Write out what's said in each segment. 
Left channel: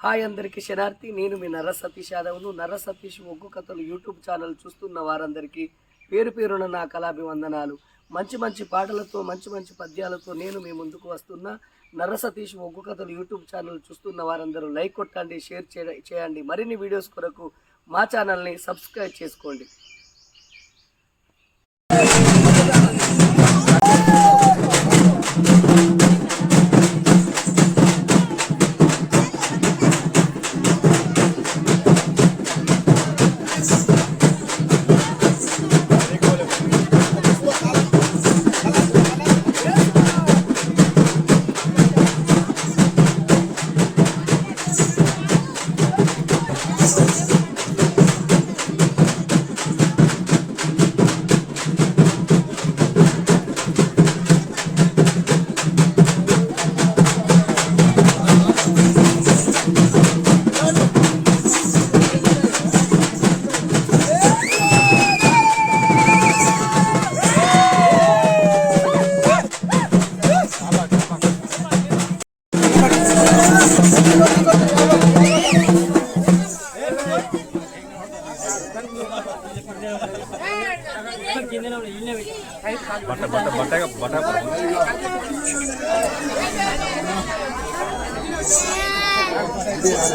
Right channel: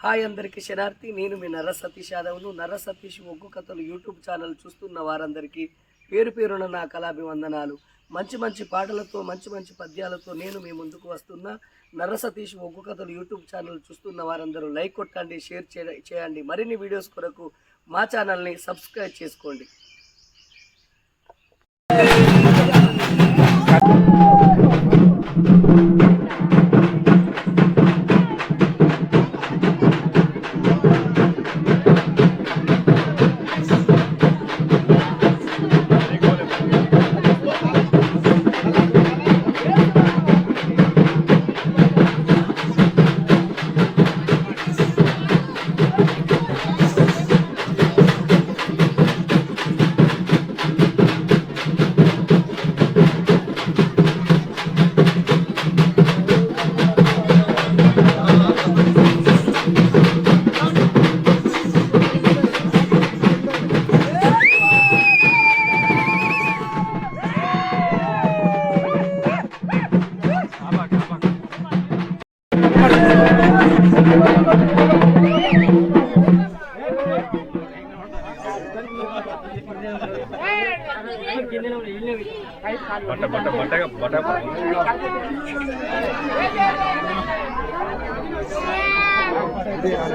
Hi అందరికీ శనార్థి. నేను మీ నర్ర సతీష్ యాదవ్ను. నర్ర సతీష్ ఒగ్గు కథలు యూట్యూబ్ ఛానల్ చూస్తున్న వారందరికీ పేరు పేరున నా కళాభివందనాలు. మంచి మంచి పాటలతో మంచి మంచి పద్యాలతో నేను మీ ముందుకు వస్తున్నా. నర్ర సతీష్ ఒగ్గు కథలు యూట్యూబ్ ఛానల్ చూస్తున్న వారందరూ లైక్ కొట్టండి, షేర్ చేయండి. మరిన్ని వీడియోస్ కొరకు మా ఛానల్ని సబ్స్క్రైబ్ చేసుకోండి.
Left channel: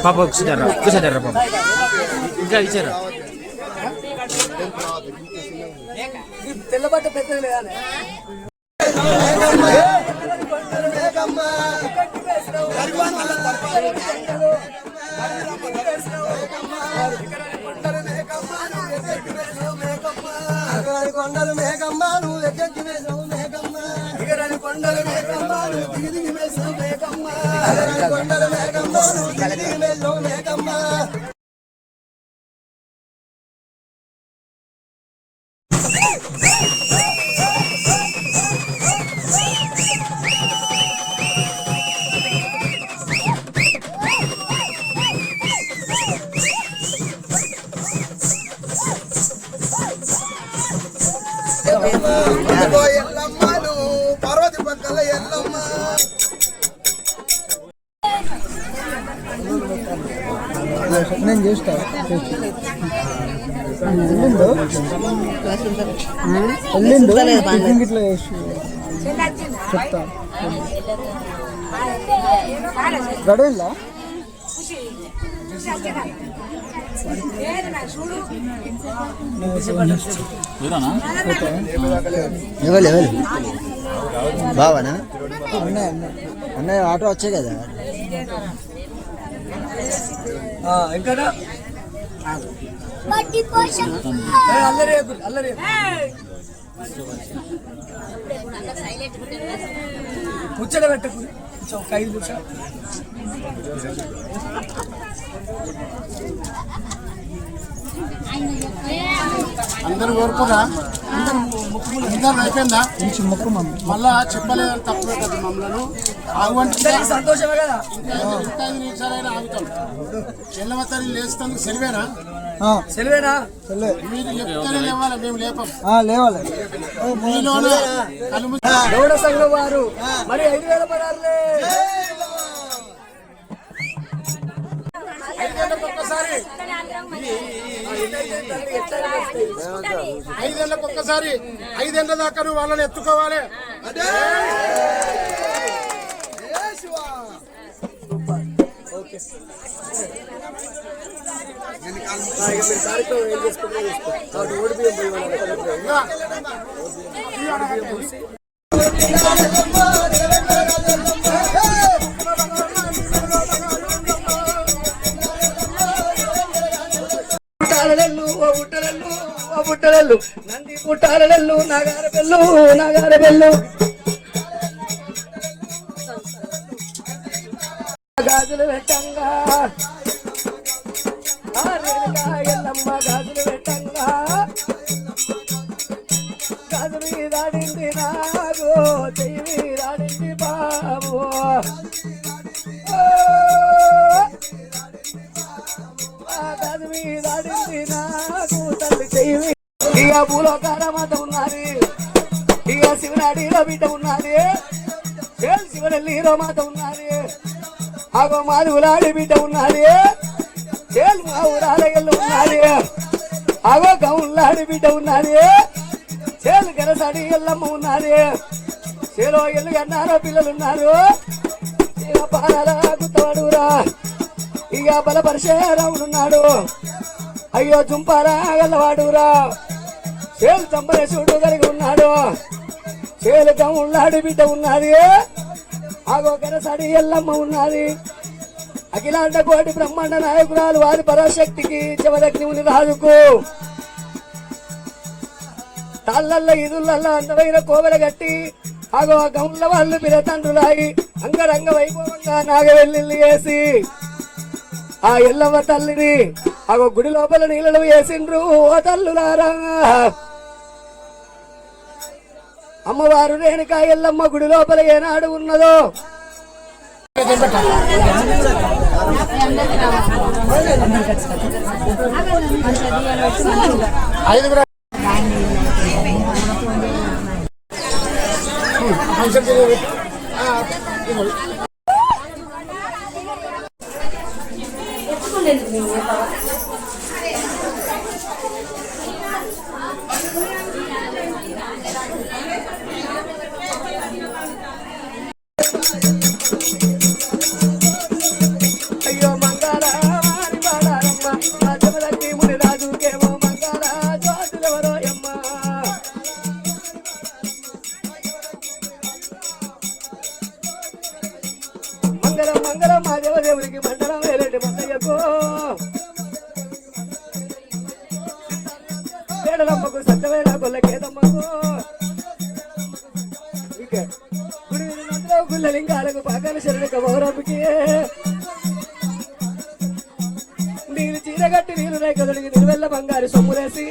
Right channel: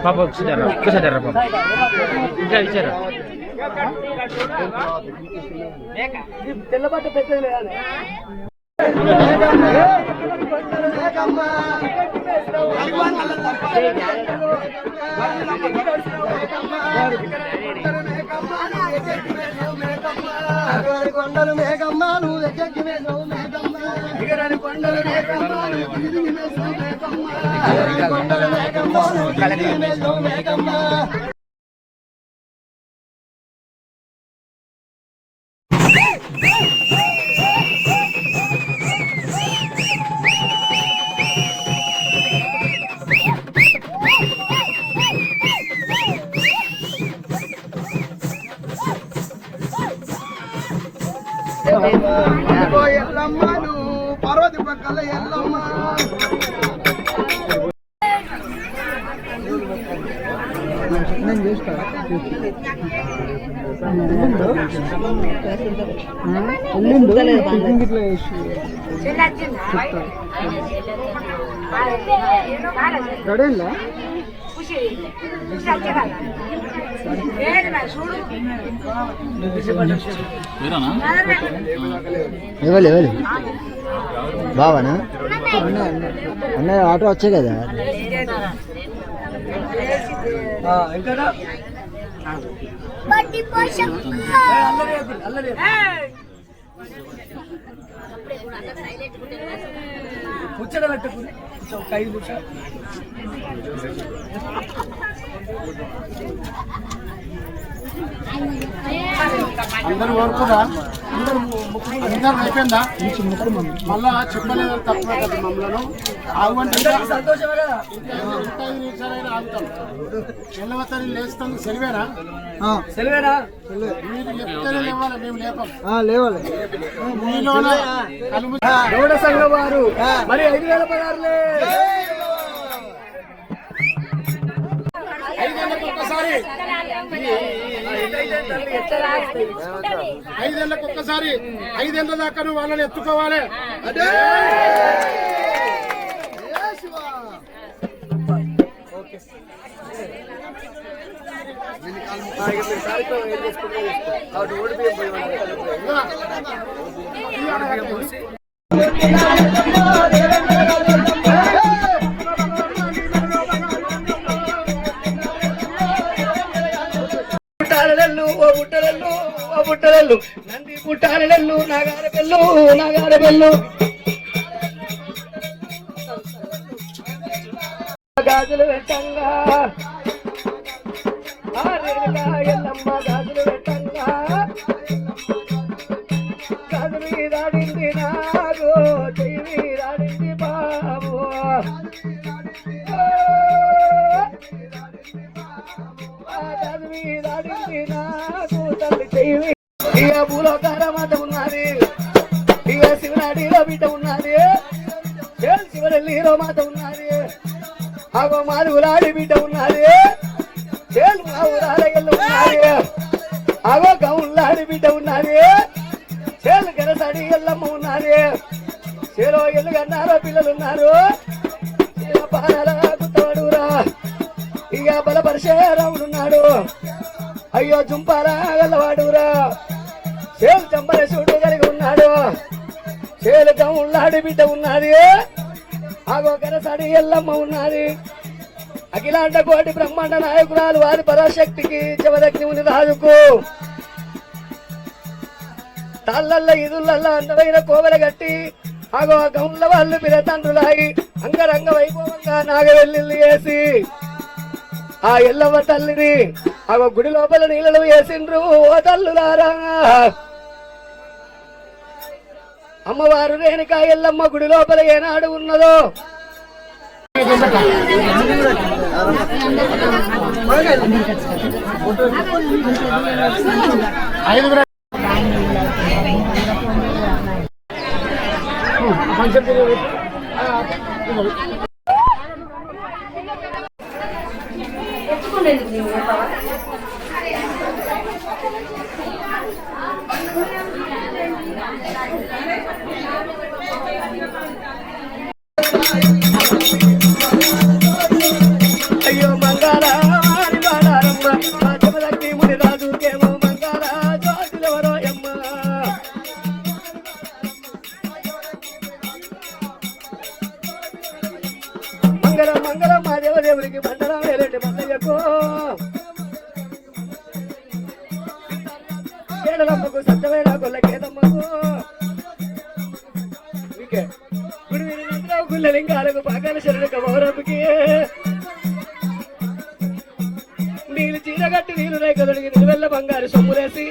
Papa sadar Papa. Icara. తెల్లబట్ట పెట్టలేదు కానీ కొండలు మేఘమ్మ నువ్వు ఎక్కడికి వేసావు మేఘమ్మ, కొండలు మేఘమ్మ నువ్వు దిగి వేసావు మేఘమ్మ, కొండలు మేఘమ్మ నువ్వు దిగి వేసావు మేఘమ్మ. ఎల్లమ్మ నువ్వు పార్వతి పక్కల ఎల్లమ్మ, నేను చేస్తా ఇట్లా చెప్తా గడేలా బావానా అన్న ఆటో వచ్చాయి కదా ఇంకా ముచ్చట పెట్టుకుని ఒక 5 నిమిషాలు అందరూ ఓర్పుగా అందరూ అయిపోయిందా? మళ్ళా చెప్పలేదు తప్పే కదా మమ్మల్ని ఆగుంటే సంతోషమే కదా. ఇంకా 5 నిమిషాలైనా ఆగుతాం. చెల్లవతని లేస్తాం. సెలవేనా? సెలవేనా? మీరు లేపుతూనే లేవాలి, మేము లేపం. లేవాలి. గౌడ సంఘం వారు మరి 5,000 పదార్లే. 5 ఏళ్ళకి ఒక్కసారి 5 ఏళ్ళ దాకా నువ్వు వాళ్ళని ఎత్తుకోవాలి. పుట్టలెల్లు నంది పుట్టాలెల్లు నాగారబెల్లు గాజులు పెట్టంగా ఎల్లమ్మ గాజులు పెట్టంగా గాజు మీదాడింది నాగు చెయ్యి మీదాడింది బాబు, గాజు మీదాడింది నాగు తల్లి చెయ్యి. ఇక భూలోకాల మాత ఉన్నది, ఇక శివనాడిలో బిడ్డ ఉన్నది, శివనెల్లిలో మాత ఉన్నది. ఆగో మాది ఉలాడి బిడ్డ ఉన్నది చేలు మా ఊరాల ఎల్లు ఉన్నది ఆగో గౌన్లాడి బిడ్డ ఉన్నది చేలు గెరసడి ఎల్లమ్మ ఉన్నది చేలో ఎల్లు అన్నారో పిల్లలు ఉన్నారు గుత్తవాడురా ఇక బలపరిచే రావునున్నాడు అయ్యో జుంపారా గల్లవాడురా చేలు చంపలేసుడు కలిగి ఉన్నాడు చేలు గౌన్లాడి బిడ్డ ఉన్నది ఆగో గెరసడి ఎల్లమ్మ ఉన్నది అఖిలాండ కోటి బ్రహ్మాండ నాయకురాలు వారి పరాశక్తికి జవదగ్ని ఉంది రాజుకు తాళ్ళల్లో ఇదుళ్ళల్లో అందమైన కోవెల గట్టి ఆగో ఆ గౌన్ల వాళ్ళు పిరతండ్రులాగి అంగరంగ వైభవంగా నాగవెల్లి వేసి ఆ ఎల్లవ్వ తల్లిని ఆగో గుడి లోపల నీళ్ళలు వేసిండ్రు ఓ తల్లులారా అమ్మవారు రేణుకా ఎల్లమ్మ గుడి లోపల ఏనాడు ఉన్నదో అయ్యో మంగారా వాడారమ్మ ఆ జమదగ్ని ముని రాజుకేమో మంగారా జ్యోతిలవరాయమ్మ మంగళం మంగళం మా దేవదేవునికి మండలం వేరేటి మందయ్యకు కేడలమ్మకు సత్యమైన గొల్లకేదమ్మకు గుళ్ళలింగాలకు పాకాల శరీరక పౌరమ్మకి నీళ్ళు చీరగట్టి నీరు రేఖదొడిగి నిలువెల్ల బంగారు సొమ్ములేసి